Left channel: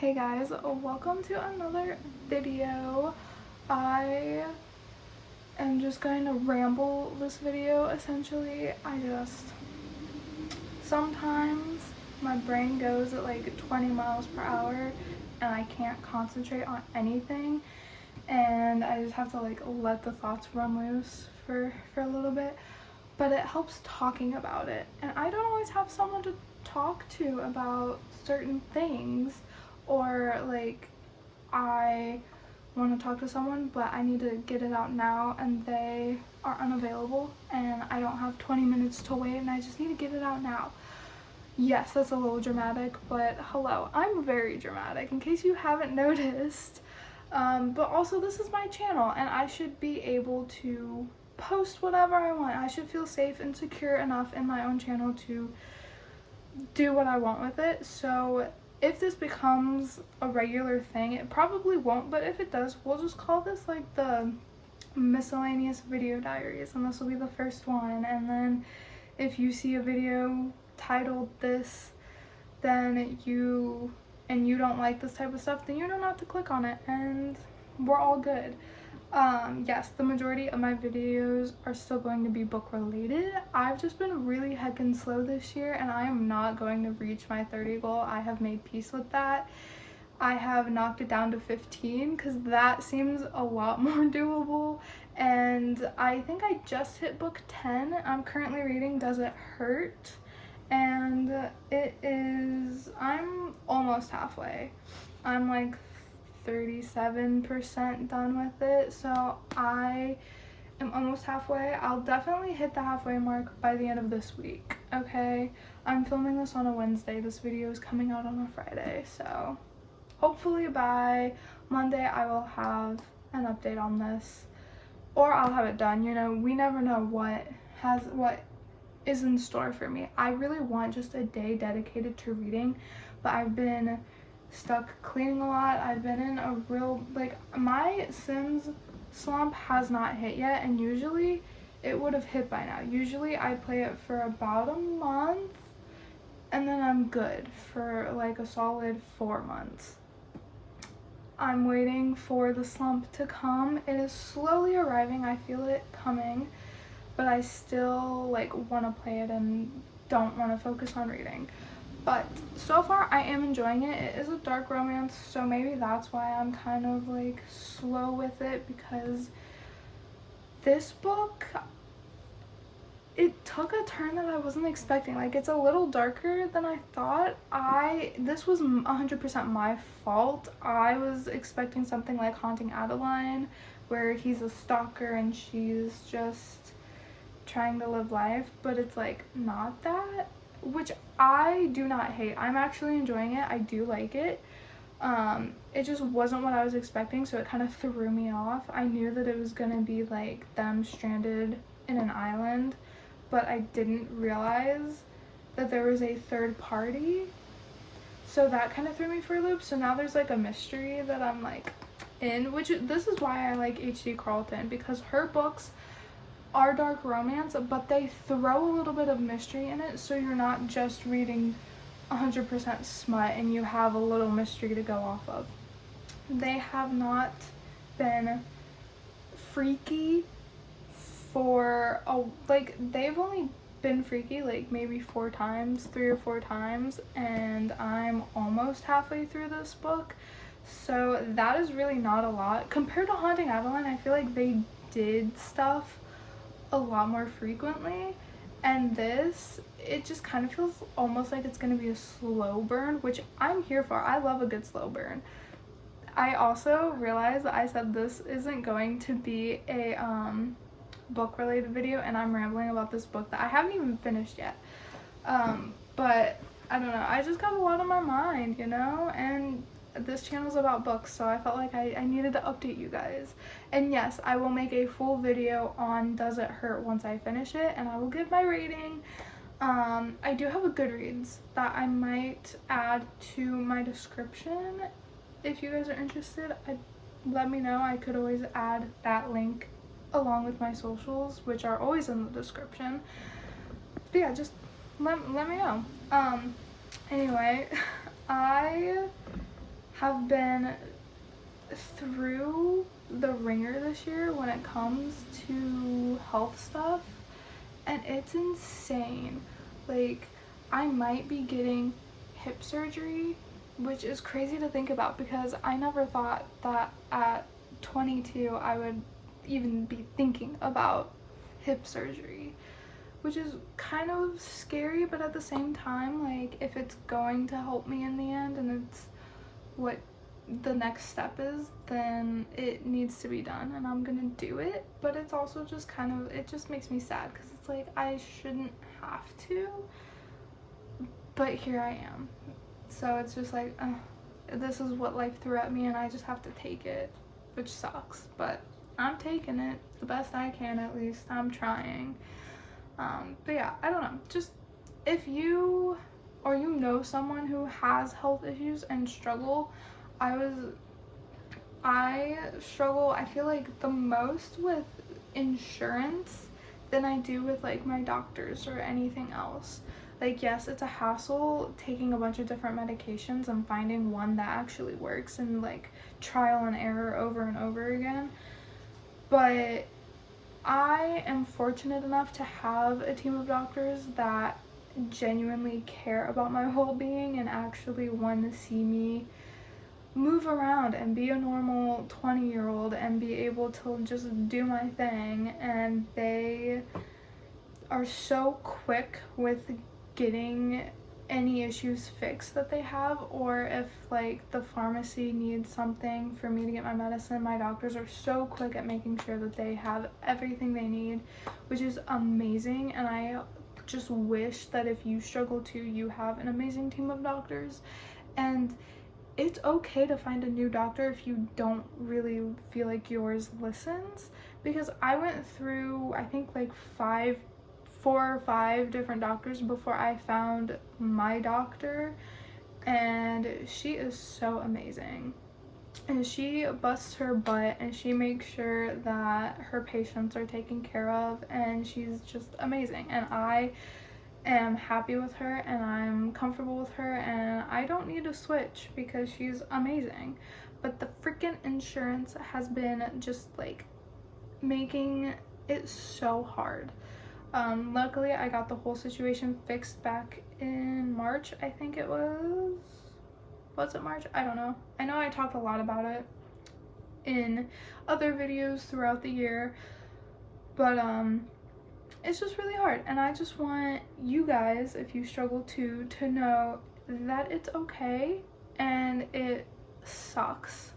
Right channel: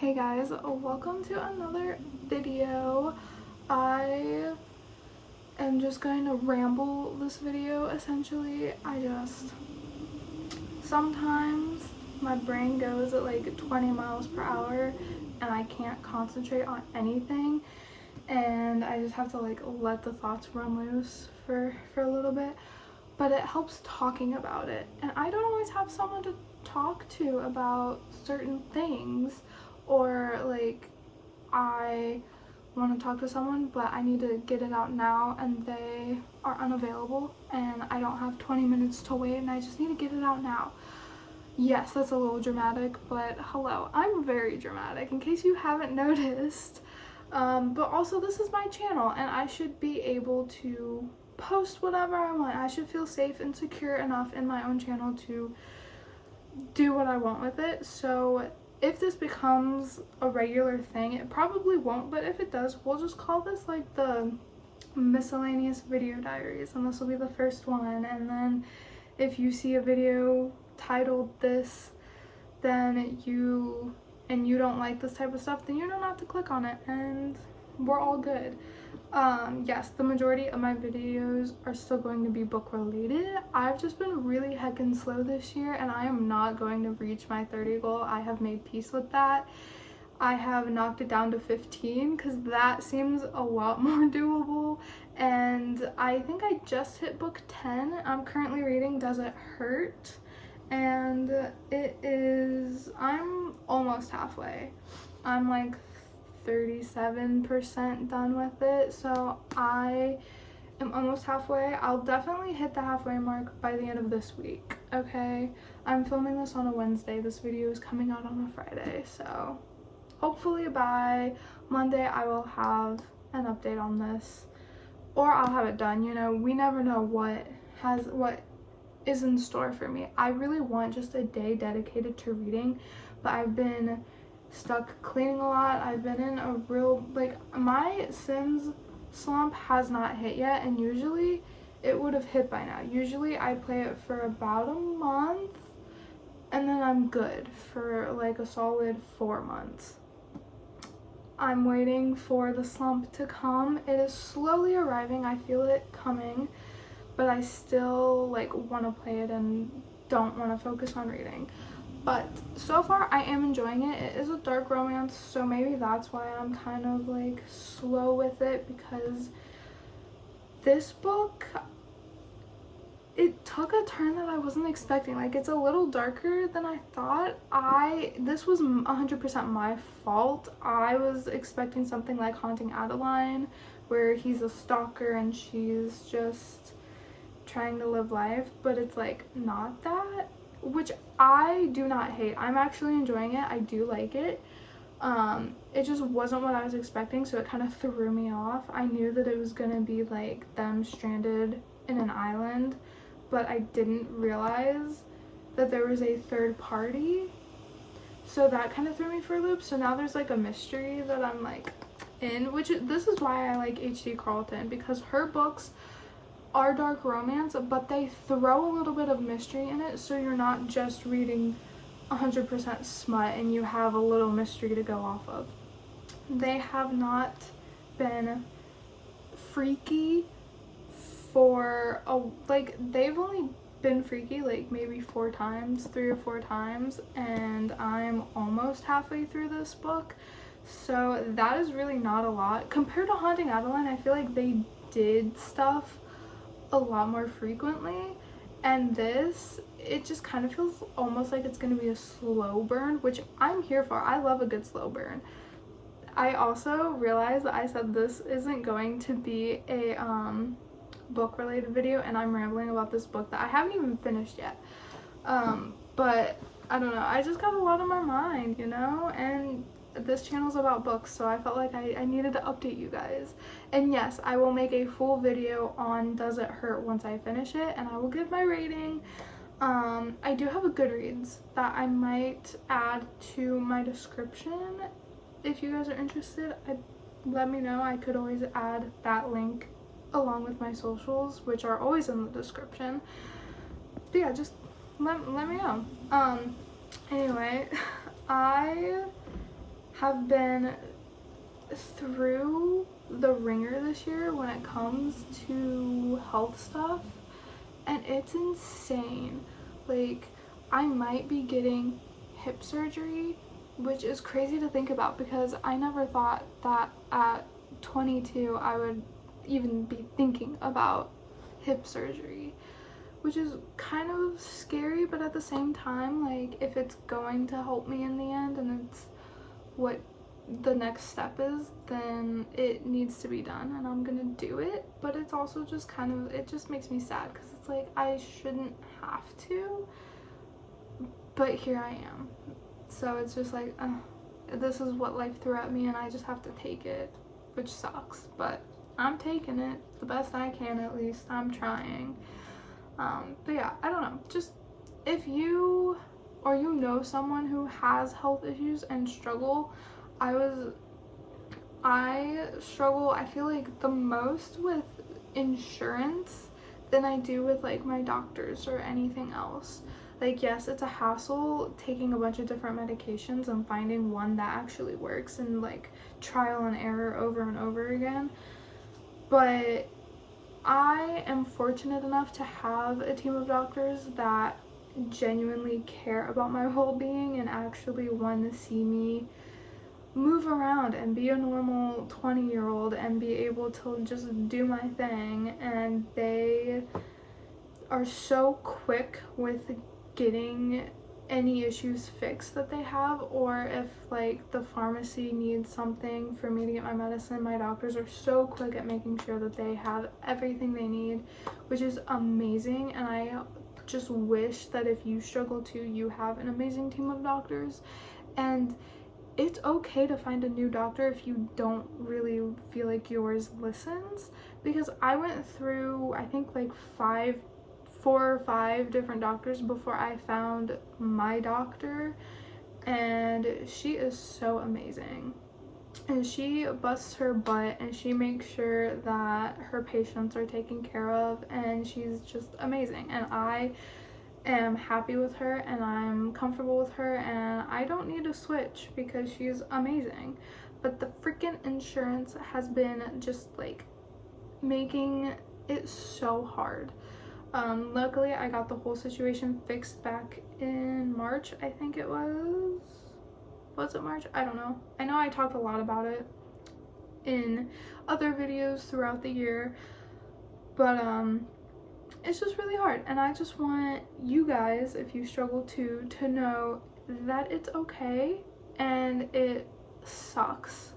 Hey guys, welcome to another video. I am just going to ramble this video essentially. Sometimes my brain goes at like 20 miles per hour and I can't concentrate on anything, and I just have to like let the thoughts run loose for a little bit. But it helps talking about it, and I don't always have someone to talk to about certain things, or like I want to talk to someone but I need to get it out now and they are unavailable and I don't have 20 minutes to wait and I just need to get it out now. Yes, that's a little dramatic, but hello, I'm very dramatic in case you haven't noticed. But also, this is my channel and I should be able to post whatever I want. I should feel safe and secure enough in my own channel to do what I want with it. So if this becomes a regular thing, it probably won't, but if it does, we'll just call this like the Miscellaneous video diaries, and this will be the first one. And then if you see a video titled this, then you don't like this type of stuff, then you know not to click on it and we're all good. Yes, the majority of my videos are still going to be book related. I've just been really heckin' slow this year and I am not going to reach my 30 goal. I have made peace with that. I have knocked it down to 15 because that seems a lot more doable, and I think I just hit book 10. I'm currently reading Does It Hurt, and I'm almost halfway. I'm like 37% done with it, so I am almost halfway. I'll definitely hit the halfway mark by the end of this week, okay? I'm filming this on a Wednesday. This video is coming out on a Friday, so hopefully by Monday I will have an update on this, or I'll have it done. You know, we never know what is in store for me. I really want just a day dedicated to reading, but I've been stuck cleaning a lot. I've been in a real, like, my Sims slump has not hit yet, and usually it would have hit by now. Usually I play it for about a month and then I'm good for like a solid 4 months. I'm waiting for the slump to come. It is slowly arriving. I feel it coming, but I still like want to play it and don't want to focus on reading. But so far I am enjoying it. It is a dark romance, so maybe that's why I'm kind of like slow with it, because this book, it took a turn that I wasn't expecting. Like, it's a little darker than I thought. This was 100% my fault. I was expecting something like Haunting Adeline, where he's a stalker and she's just trying to live life, but it's like not that, which I do not hate. I'm actually enjoying it. I do like it. It just wasn't what I was expecting, so it kind of threw me off. I knew that it was gonna be like them stranded in an island, but I didn't realize that there was a third party, so that kind of threw me for a loop. So now there's like a mystery that I'm like in, this is why I like H.D. Carlton, because her books are dark romance, but they throw a little bit of mystery in it, so you're not just reading 100% smut and you have a little mystery to go off of. They have not been freaky for they've only been freaky like maybe 3 or 4 times, and I'm almost halfway through this book, so that is really not a lot compared to Haunting Adeline. I feel like they did stuff a lot more frequently, and this, it just kind of feels almost like it's gonna be a slow burn, which I'm here for. I love a good slow burn. I also realized that I said this isn't going to be a book related video, and I'm rambling about this book that I haven't even finished yet. But I don't know, I just got a lot on my mind, you know, and this channel's about books, so I felt like I needed to update you guys. And yes, I will make a full video on Does It Hurt once I finish it, and I will give my rating. I do have a Goodreads that I might add to my description. If you guys are interested, let me know. I could always add that link along with my socials, which are always in the description. But yeah, just let me know. Anyway, I have been through the ringer this year when it comes to health stuff, and it's insane. Like, I might be getting hip surgery, which is crazy to think about because I never thought that at 22 I would even be thinking about hip surgery, which is kind of scary, but at the same time, like, if it's going to help me in the end and it's what the next step is, then it needs to be done and I'm gonna do it. But it's also just kind of, it just makes me sad because it's like I shouldn't have to, but here I am. So it's just like, this is what life threw at me and I just have to take it, which sucks, but I'm taking it the best I can. At least I'm trying. But yeah, I don't know, just if you or you know someone who has health issues and struggle, I struggle, I feel like, the most with insurance than I do with like my doctors or anything else. Like, yes, it's a hassle taking a bunch of different medications and finding one that actually works and like trial and error over and over again, but I am fortunate enough to have a team of doctors that genuinely care about my well-being and actually want to see me move around and be a normal 20-year-old and be able to just do my thing. And they are so quick with getting any issues fixed that they have, or if like the pharmacy needs something for me to get my medicine, my doctors are so quick at making sure that they have everything they need, which is amazing. And I just wish that if you struggle too, you have an amazing team of doctors. And it's okay to find a new doctor if you don't really feel like yours listens, because I went through, I think, like 4 or 5 different doctors before I found my doctor, and she is so amazing. And she busts her butt and she makes sure that her patients are taken care of, and she's just amazing. And I am happy with her and I'm comfortable with her, and I don't need to switch because she's amazing. But the freaking insurance has been just like making it so hard. Luckily I got the whole situation fixed back in March, I think it was it March? I don't know. I know I talked a lot about it in other videos throughout the year, but it's just really hard, and I just want you guys, if you struggle too, to know that it's okay and it sucks,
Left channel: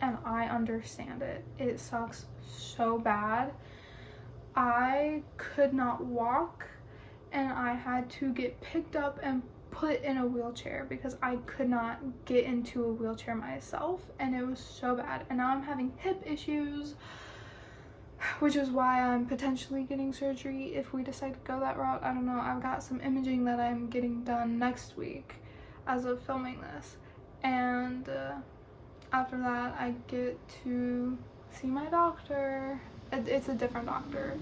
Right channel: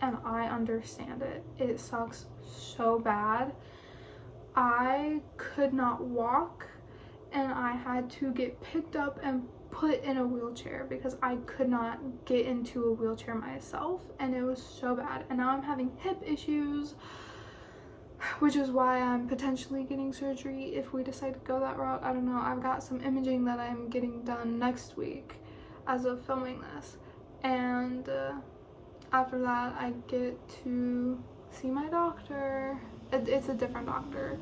and I understand it. It sucks so bad. I could not walk and I had to get picked up and put in a wheelchair because I could not get into a wheelchair myself, and it was so bad. And now I'm having hip issues, which is why I'm potentially getting surgery if we decide to go that route. I don't know. I've got some imaging that I'm getting done next week as of filming this, and after that I get to see my doctor. It's a different doctor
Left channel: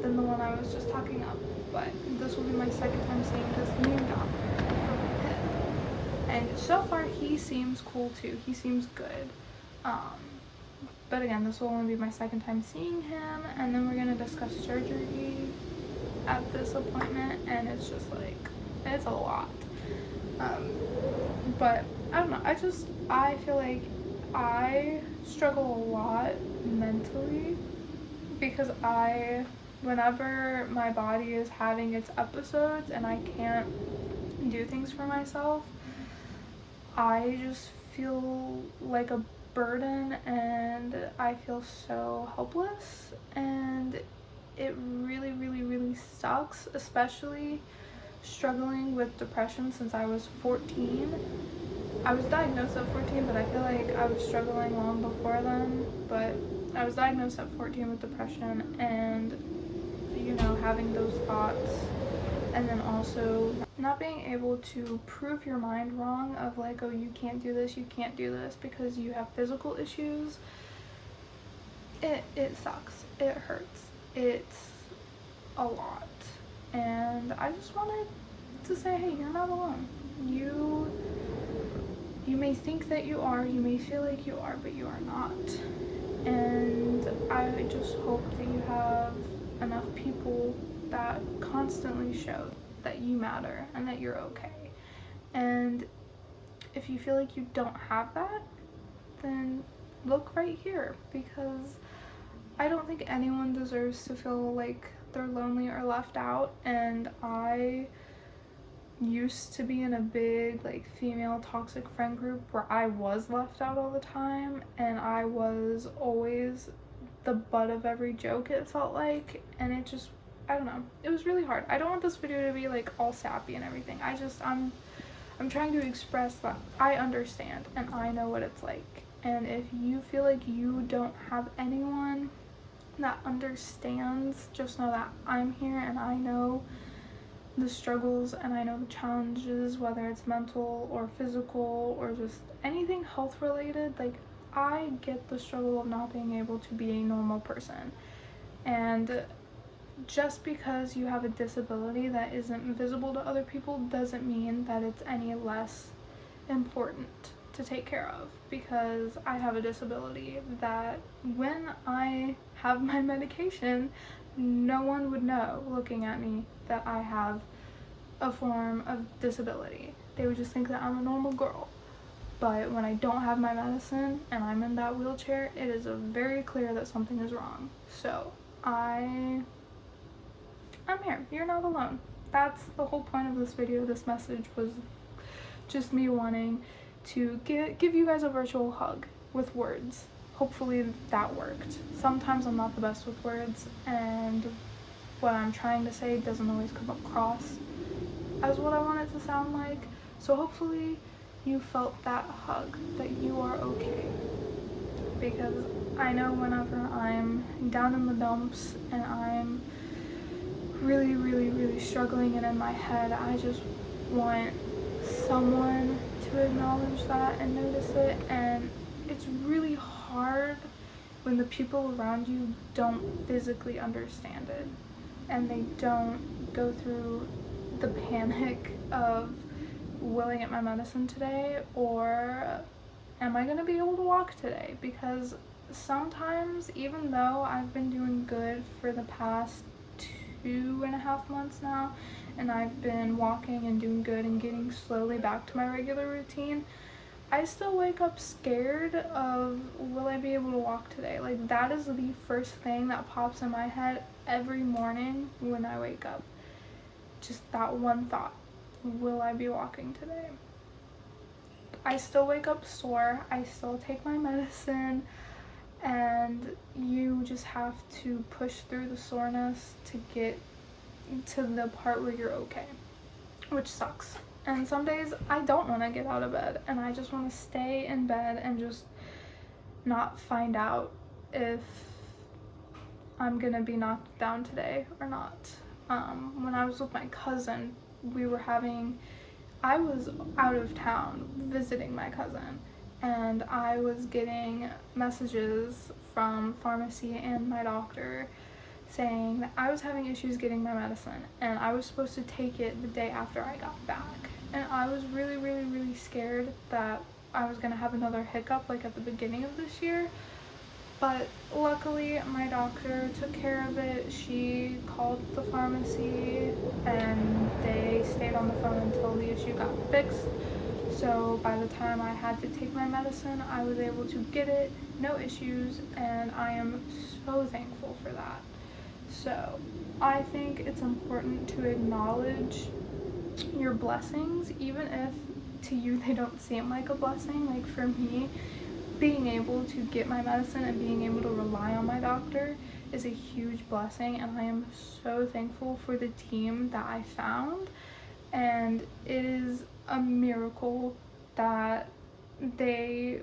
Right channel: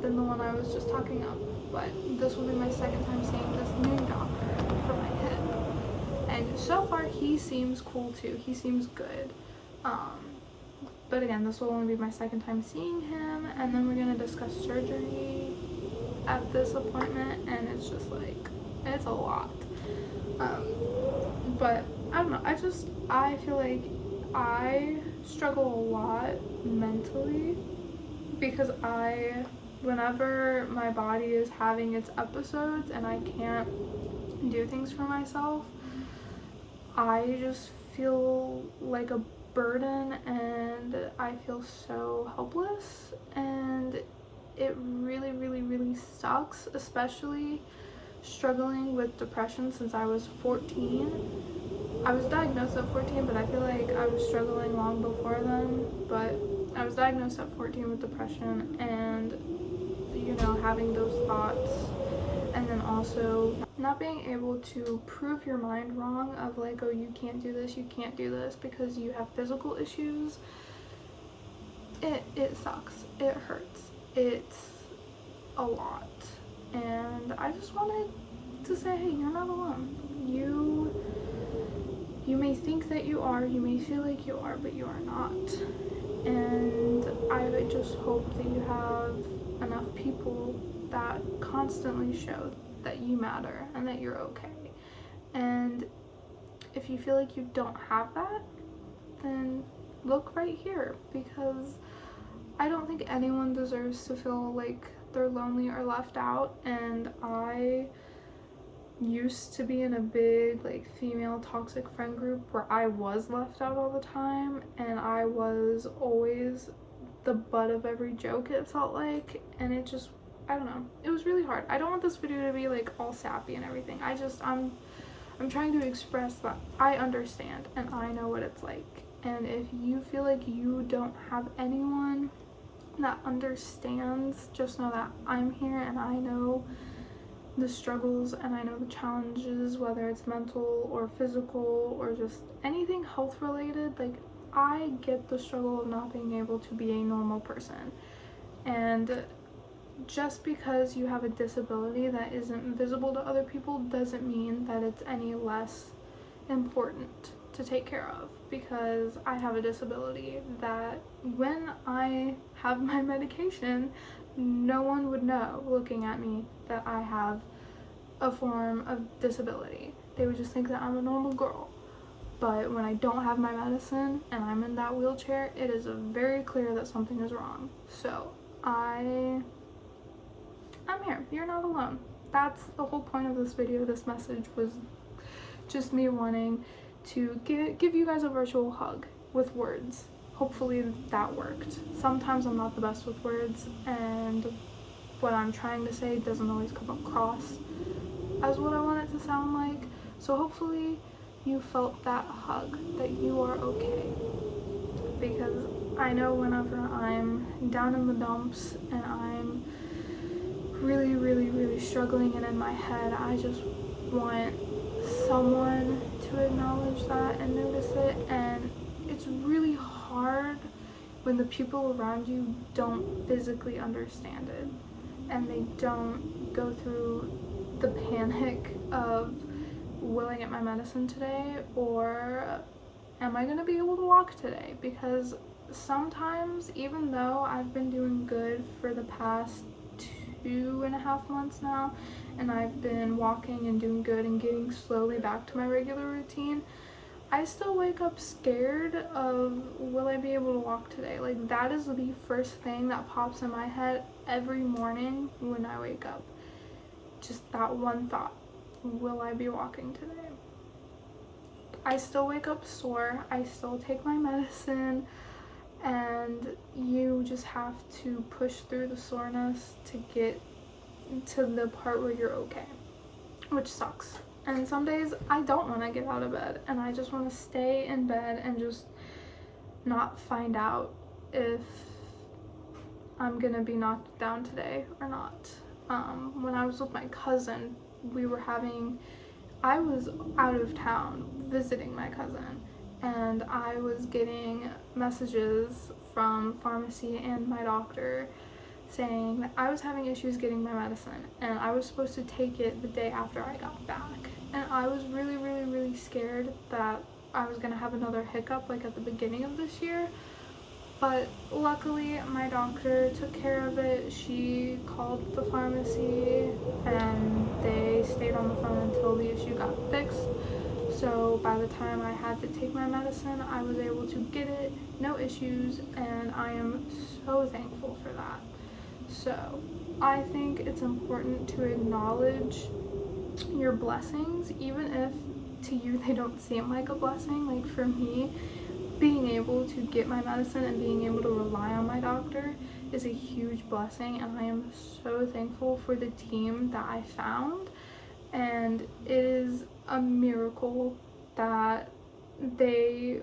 than the one I was just talking about, but this will be my second time seeing this new doctor for my hip, and so far he seems cool too. He seems good. But again, this will only be my second time seeing him, and then we're gonna discuss surgery at this appointment, and it's just like, it's a lot. But I don't know, I feel like I struggle a lot mentally because whenever my body is having its episodes and I can't do things for myself, I just feel like a burden and I feel so helpless, and it really, really, really sucks, especially struggling with depression since I was 14. I was diagnosed at 14, but I feel like I was struggling long before then. But I was diagnosed at 14 with depression, and you know, having those thoughts, and then also not being able to prove your mind wrong of like, oh, you can't do this because you have physical issues. It sucks. It hurts. It's a lot. And I just wanted to say, hey, you're not alone. You you may think that you are, you may feel like you are, but you are not. And I just hope that you have enough people that constantly show that you matter and that you're okay. And if you feel like you don't have that, then look right here, because I don't think anyone deserves to feel like they're lonely or left out. And I used to be in a big like female toxic friend group where I was left out all the time, and I was always the butt of every joke, it felt like. And it just, I don't know, it was really hard. I don't want this video to be like all sappy and everything. I'm trying to express that I understand and I know what it's like. And if you feel like you don't have anyone that understands, just know that I'm here and I know the struggles and I know the challenges, whether it's mental or physical or just anything health related. Like, I get the struggle of not being able to be a normal person. And just because you have a disability that isn't visible to other people doesn't mean that it's any less important to take care of, because I have a disability that when I have my medication, no one would know looking at me that I have a form of disability. They would just think that I'm a normal girl. But when I don't have my medicine and I'm in that wheelchair, it is very clear that something is wrong. So I'm here. You're not alone. That's the whole point of this video. This message was just me wanting to give you guys a virtual hug with words. Hopefully that worked. Sometimes I'm not the best with words, and what I'm trying to say doesn't always come across as what I want it to sound like. So hopefully you felt that hug, that you are okay. Because I know whenever I'm down in the dumps and I'm really, really, really struggling and in my head, I just want someone to acknowledge that and notice it. And it's really hard when the people around you don't physically understand it and they don't go through the panic of, will I get my medicine today, or am I gonna be able to walk today? Because sometimes, even though I've been doing good for the past 2.5 months now, and I've been walking and doing good and getting slowly back to my regular routine, I still wake up scared of, will I be able to walk today? Like, that is the first thing that pops in my head every morning when I wake up. Just that one thought, will I be walking today? I still wake up sore, I still take my medicine, and you just have to push through the soreness to get to the part where you're okay, which sucks. And some days I don't want to get out of bed and I just want to stay in bed and just not find out if I'm gonna be knocked down today or not. When I was with my cousin, I was out of town visiting my cousin, and I was getting messages from pharmacy and my doctor saying that I was having issues getting my medicine and I was supposed to take it the day after I got back. And I was really, really, really scared that I was gonna have another hiccup like at the beginning of this year. But luckily my doctor took care of it. She called the pharmacy and they stayed on the phone until the issue got fixed. So by the time I had to take my medicine, I was able to get it, no issues, and I am so thankful for that. So I think it's important to acknowledge your blessings, even if to you they don't seem like a blessing. Like, for me, being able to get my medicine and being able to rely on my doctor is a huge blessing, and I am so thankful for the team that I found. And it is a miracle that they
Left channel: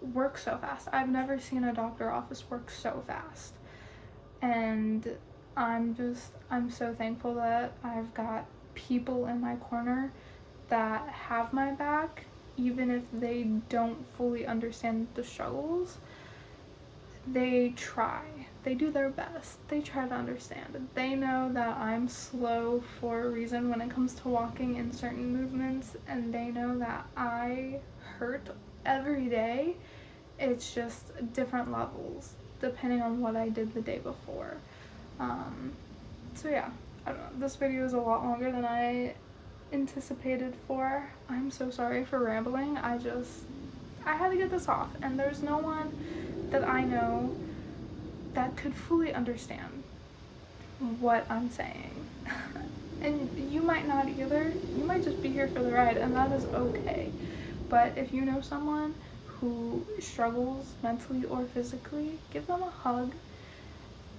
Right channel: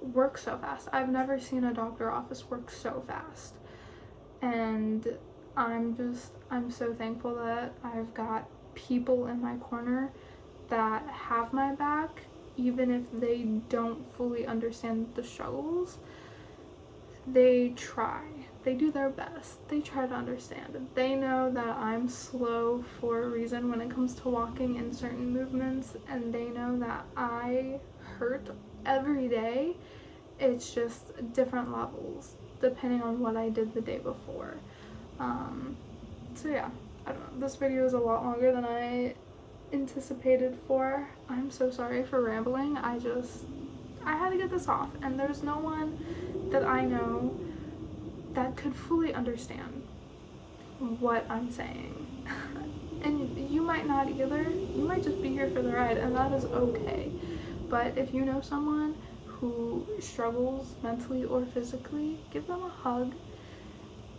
work so fast. I've never seen a doctor office work so fast, and I'm so thankful that I've got people in my corner that have my back, even if they don't fully understand the struggles. They try. They do their best. They try to understand. They know that I'm slow for a reason when it comes to walking and certain movements, and they know that I hurt every day. It's just different levels depending on what I did the day before. So yeah, I don't know. This video is a lot longer than I anticipated for. I'm so sorry for rambling. I had to get this off, and there's no one that I know that could fully understand what I'm saying. And you might not either. You might just be here for the ride, and that is okay. But if you know someone who struggles mentally or physically, give them a hug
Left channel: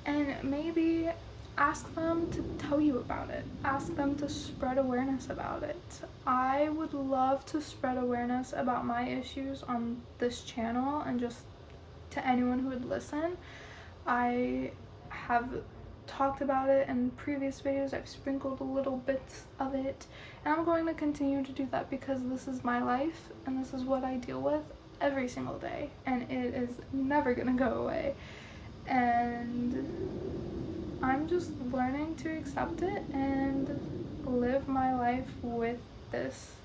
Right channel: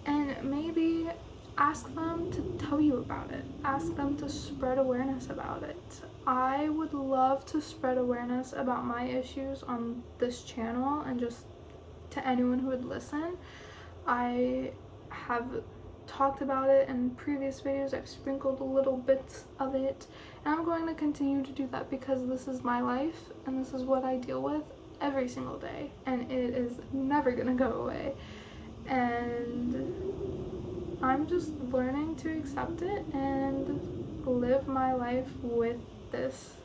and maybe ask them to tell you about it. Ask them to spread awareness about it. I would love to spread awareness about my issues on this channel and just to anyone who would listen. I have talked about it in previous videos. I've sprinkled little bits of it, and I'm going to continue to do that because this is my life and this is what I deal with every single day, and it is never gonna go away. And I'm just learning to accept it and live my life with this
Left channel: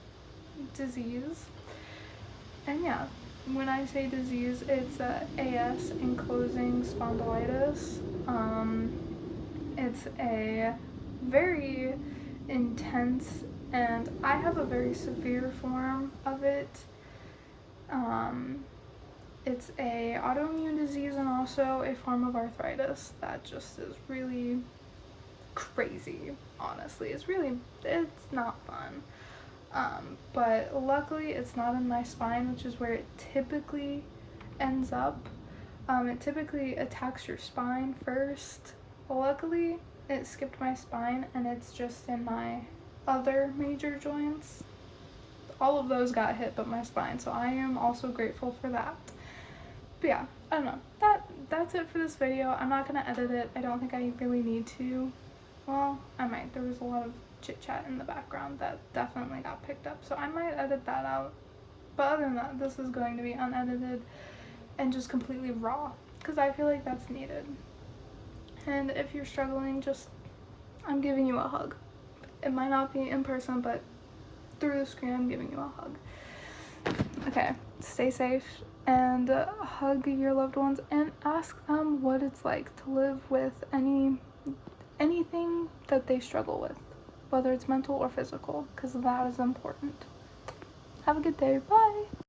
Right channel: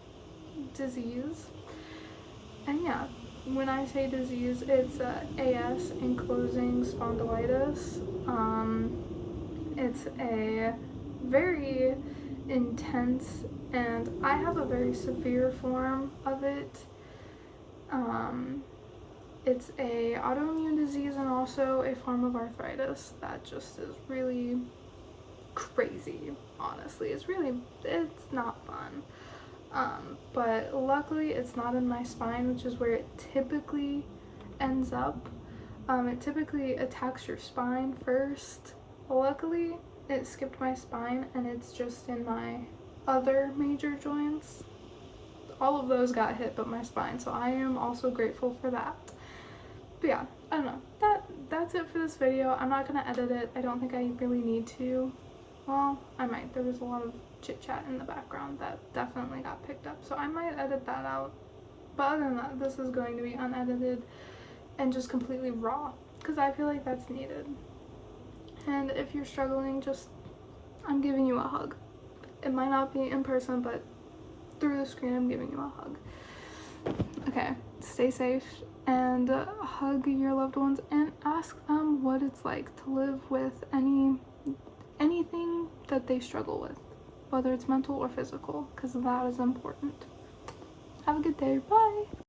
disease. And yeah, when I say disease, it's AS, ankylosing spondylitis. It's a very intense, and I have a very severe form of it. It's a autoimmune disease and also a form of arthritis that just is really crazy, honestly. It's not fun. But luckily it's not in my spine, which is where it typically ends up. It typically attacks your spine first. Luckily it skipped my spine and it's just in my other major joints. All of those got hit but my spine, so I am also grateful for that. But yeah, I don't know. That's it for this video. I'm not gonna edit it. I don't think I really need to. Well, I might. There was a lot of chit chat in the background that definitely got picked up, so I might edit that out. But other than that, this is going to be unedited and just completely raw because I feel like that's needed. And if you're struggling, I'm giving you a hug. It might not be in person, but through the screen, I'm giving you a hug. Okay, stay safe and hug your loved ones and ask them what it's like to live with anything that they struggle with, whether it's mental or physical, because that is important. Have a good day. Bye.